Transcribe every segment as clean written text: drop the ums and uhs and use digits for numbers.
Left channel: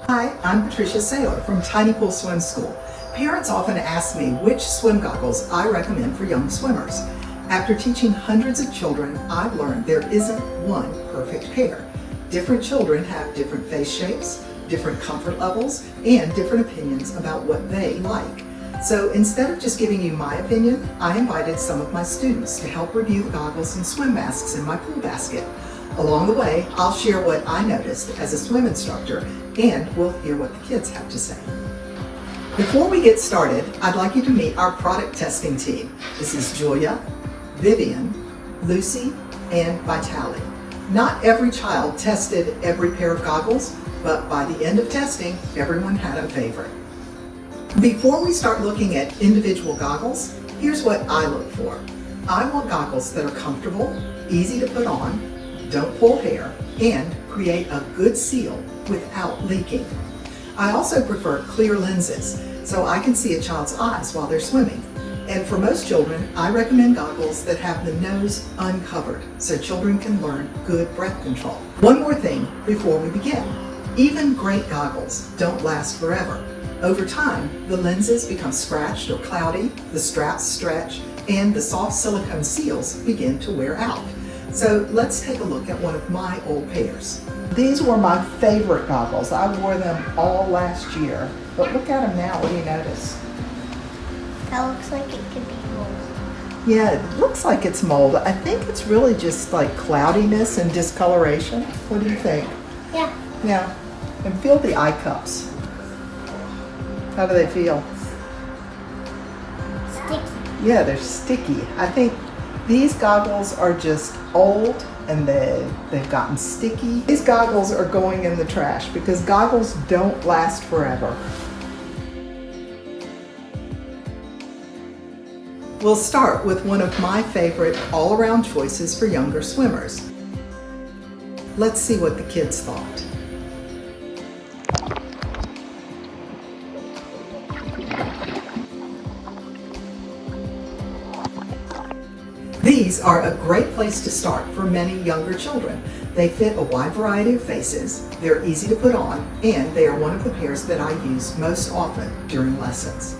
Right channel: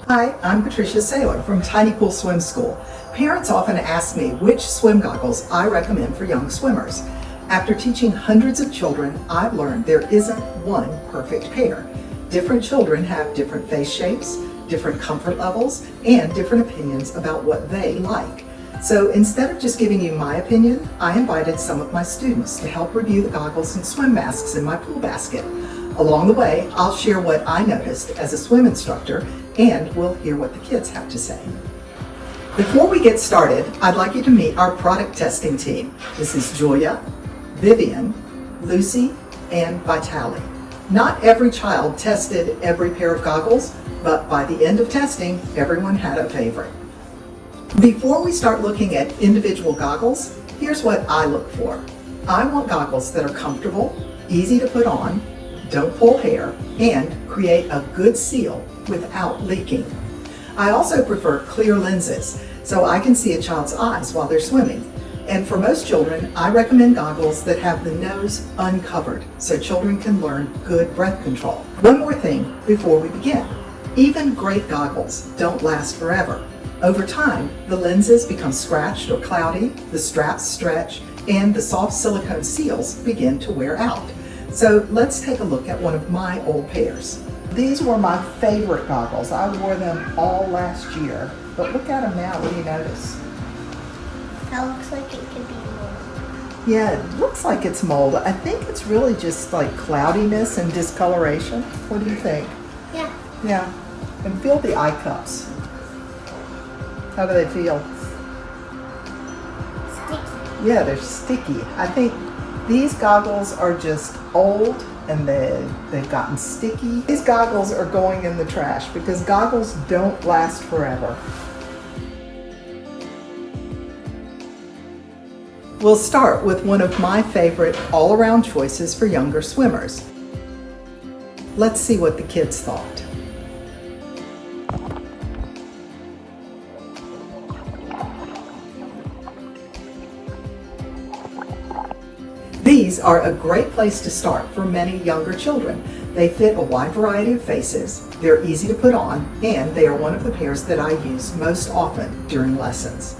Hi, I'm Patricia Saylor from Tiny Pool Swim School. Parents often ask me which swim goggles I recommend for young swimmers. After teaching hundreds of children, I've learned there isn't one perfect pair. Different children have different face shapes, different comfort levels, and different opinions about what they like. So instead of just giving you my opinion, I invited some of my students to help review the goggles and swim masks in my pool basket. Along the way, I'll share what I noticed as a swim instructor, and we'll hear what the kids have to say. Before we get started, I'd like you to meet our product testing team. This is Julia, Vivian, Lucy, and Vitali. Not every child tested every pair of goggles, but by the end of testing, everyone had a favorite. Before we start looking at individual goggles, here's what I look for. I want goggles that are comfortable, easy to put on, don't pull hair, and create a good seal without leaking. I also prefer clear lenses so I can see a child's eyes while they're swimming. And for most children, I recommend goggles that have the nose uncovered so children can learn good breath control. One more thing before we begin. Even great goggles don't last forever. Over time, the lenses become scratched or cloudy, the straps stretch, and the soft silicone seals begin to wear out. So let's take a look at one of my old pairs. These were my favorite goggles. I wore them all last year, but look at them now. What do you notice? That looks like it could be mold. Yeah, it looks like it's mold. I think it's really just like cloudiness and discoloration. What do you think? Yeah. Yeah, and feel the eye cups. How do they feel? Sticky. Yeah, they're sticky. I think these goggles are just old and they've gotten sticky. These goggles are going in the trash because goggles don't last forever. We'll start with one of my favorite all-around choices for younger swimmers. Let's see what the kids thought. These are a great place to start for many younger children. They fit a wide variety of faces, they're easy to put on, and they are one of the pairs that I use most often during lessons.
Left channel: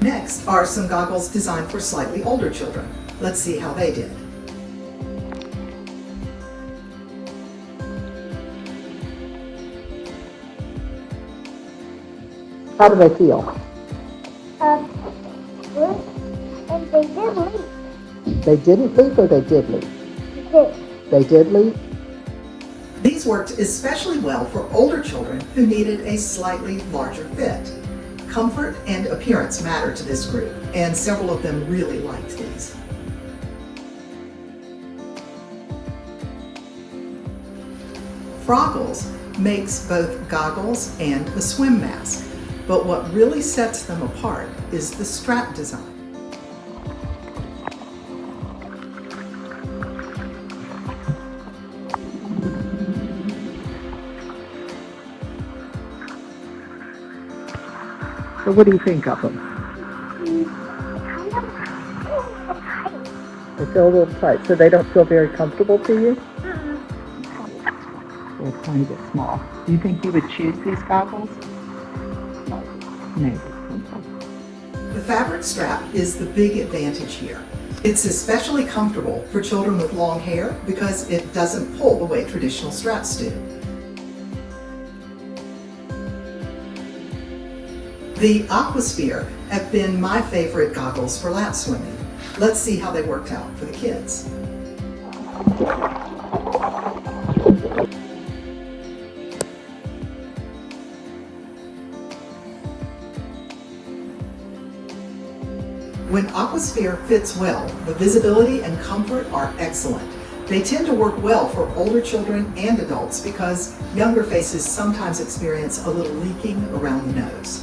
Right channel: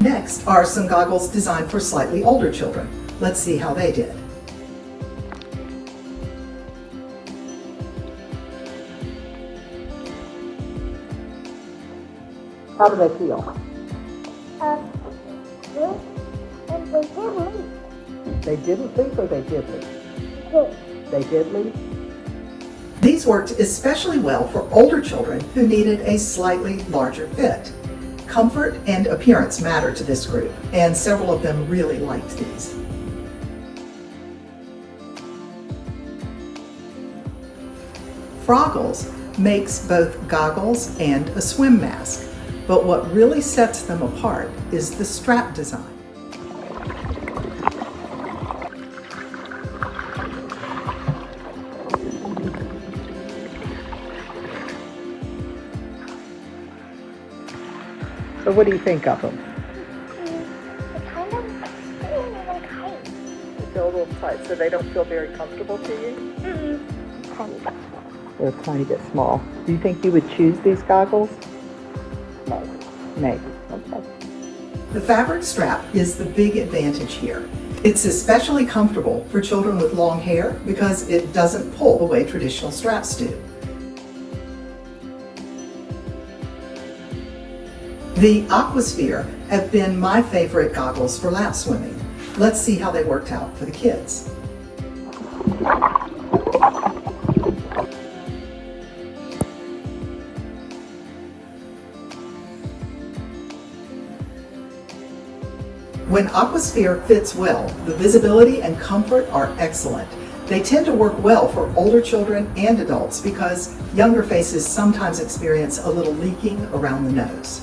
Next are some goggles designed for slightly older children. Let's see how they did. How do they feel? Good. And they did leak. They didn't leak or they did leak? They did. They did leak? These worked especially well for older children who needed a slightly larger fit. Comfort and appearance matter to this group, and several of them really liked these. Froggles makes both goggles and a swim mask. But what really sets them apart is the strap design. So what do you think of them? They kind of feel a little tight. They feel a little tight, so they don't feel very comfortable to you? Kind of. They're a tiny bit small. Do you think you would choose these goggles? Maybe. Okay. The fabric strap is the big advantage here. It's especially comfortable for children with long hair because it doesn't pull the way traditional straps do. The Aqua have been my favorite goggles for lap swimming. Let's see how they worked out for the kids. When Aquasphere fits well, the visibility and comfort are excellent. They tend to work well for older children and adults because younger faces sometimes experience a little leaking around the nose.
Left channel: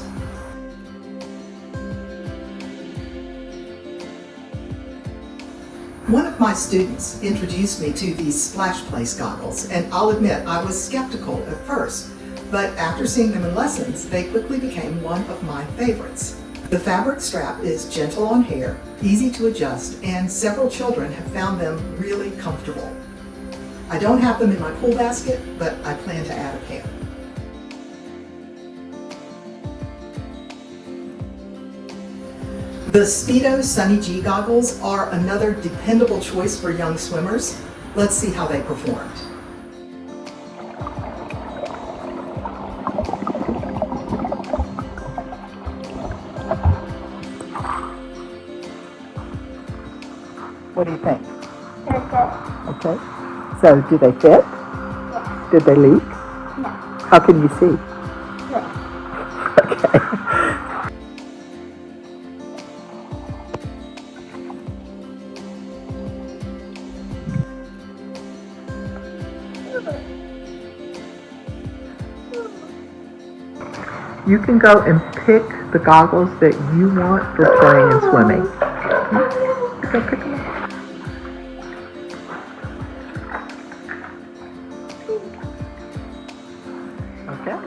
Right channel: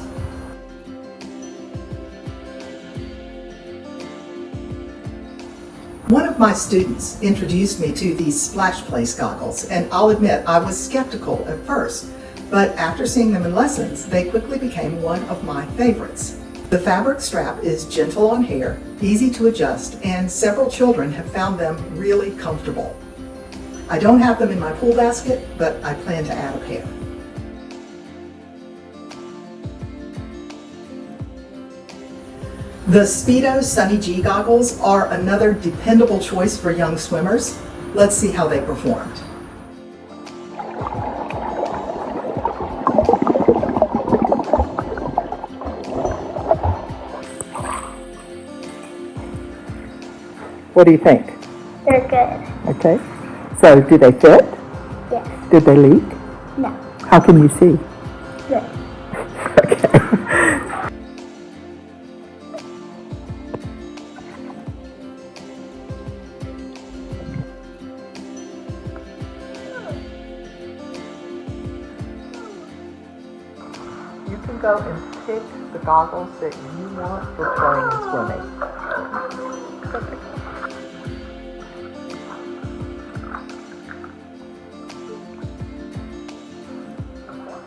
One of my students introduced me to these Splash Place goggles, and I'll admit I was skeptical at first, but after seeing them in lessons, they quickly became one of my favorites. The fabric strap is gentle on hair, easy to adjust, and several children have found them really comfortable. I don't have them in my pool basket, but I plan to add a pair. The Speedo Sunny G goggles are another dependable choice for young swimmers. Let's see how they performed. What do you think? They're good. Okay. So, do they fit? Yeah. Did they leak? No. How can you see? No. You can go and pick the goggles that you want for playing and swimming. Go pick them up. Okay.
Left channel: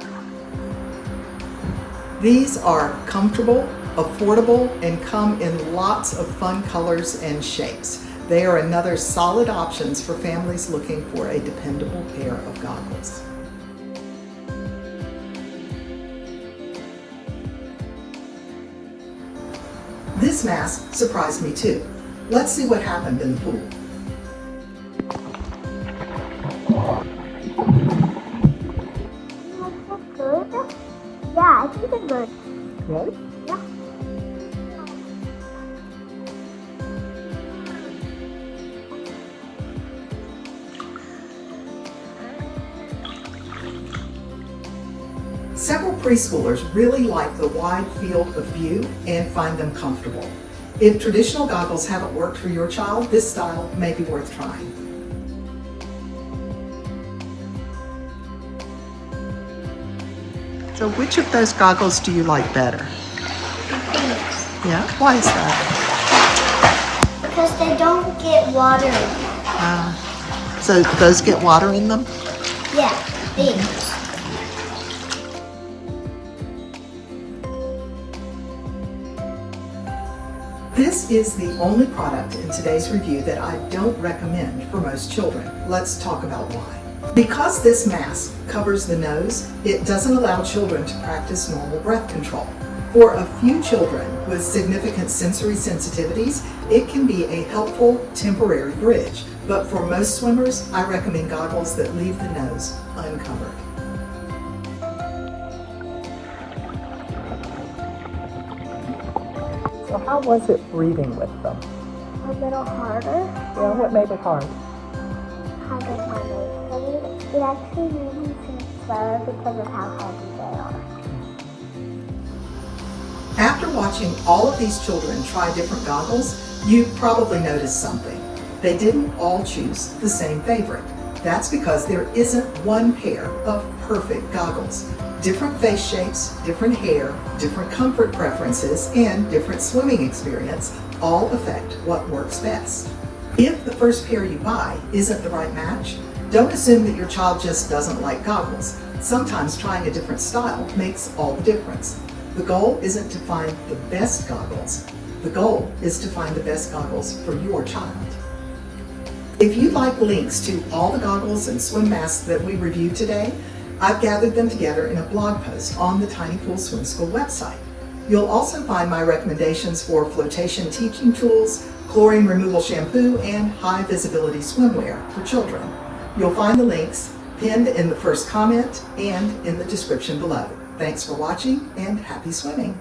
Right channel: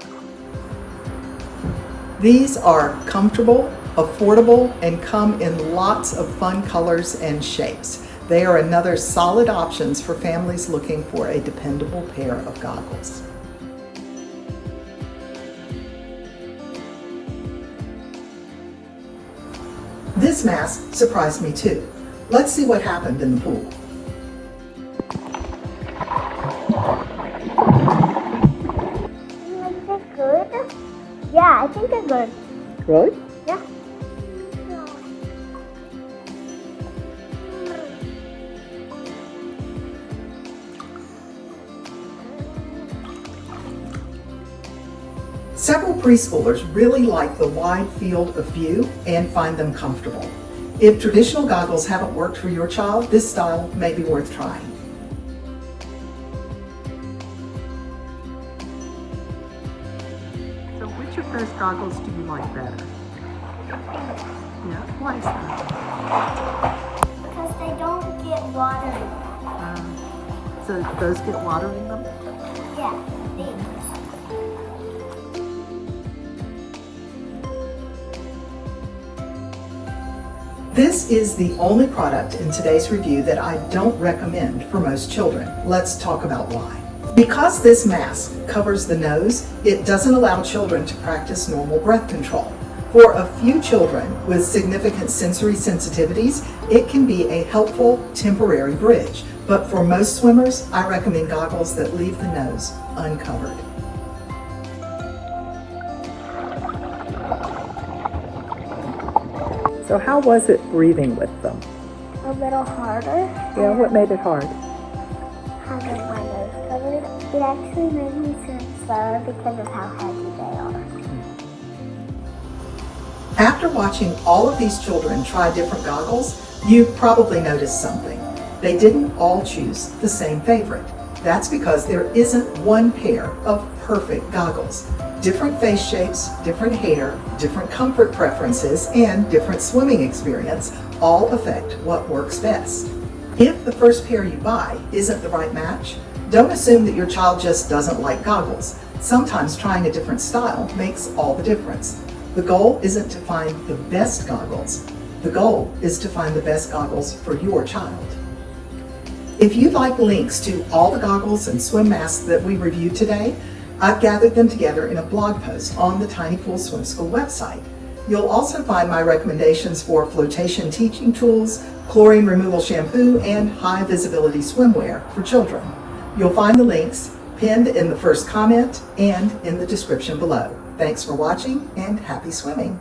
These are comfortable, affordable, and come in lots of fun colors and shapes. They are another solid options for families looking for a dependable pair of goggles. This mask surprised me too. Let's see what happened in the pool. Is it good? Yeah, I think they're good. Really? Yeah. Several preschoolers really like the wide field of view and find them comfortable. If traditional goggles haven't worked for your child, this style may be worth trying. So which of those goggles do you like better? Yeah, why is that? Because they don't get water. So those get water in them? Yeah, these. This is the only product in today's review that I don't recommend for most children. Let's talk about why. Because this mask covers the nose, it doesn't allow children to practice normal breath control. For a few children with significant sensory sensitivities, it can be a helpful temporary bridge. But for most swimmers, I recommend goggles that leave the nose uncovered. So how was it breathing with them? A little harder. Yeah, what made it hard? Having my nose covered. It actually made me swim slower because of how heavy they are. After watching all of these children try different goggles, you probably noticed something. They didn't all choose the same favorite. That's because there isn't one pair of perfect goggles. Different face shapes, different hair, different comfort preferences, and different swimming experience all affect what works best. If the first pair you buy isn't the right match, don't assume that your child just doesn't like goggles. Sometimes trying a different style makes all the difference. The goal isn't to find the best goggles. The goal is to find the best goggles for your child. If you'd like links to all the goggles and swim masks that we reviewed today, I've gathered them together in a blog post on the Tiny Pool Swim School website. You'll also find my recommendations for flotation teaching tools, chlorine removal shampoo, and high visibility swimwear for children. You'll find the links pinned in the first comment and in the description below. Thanks for watching and happy swimming.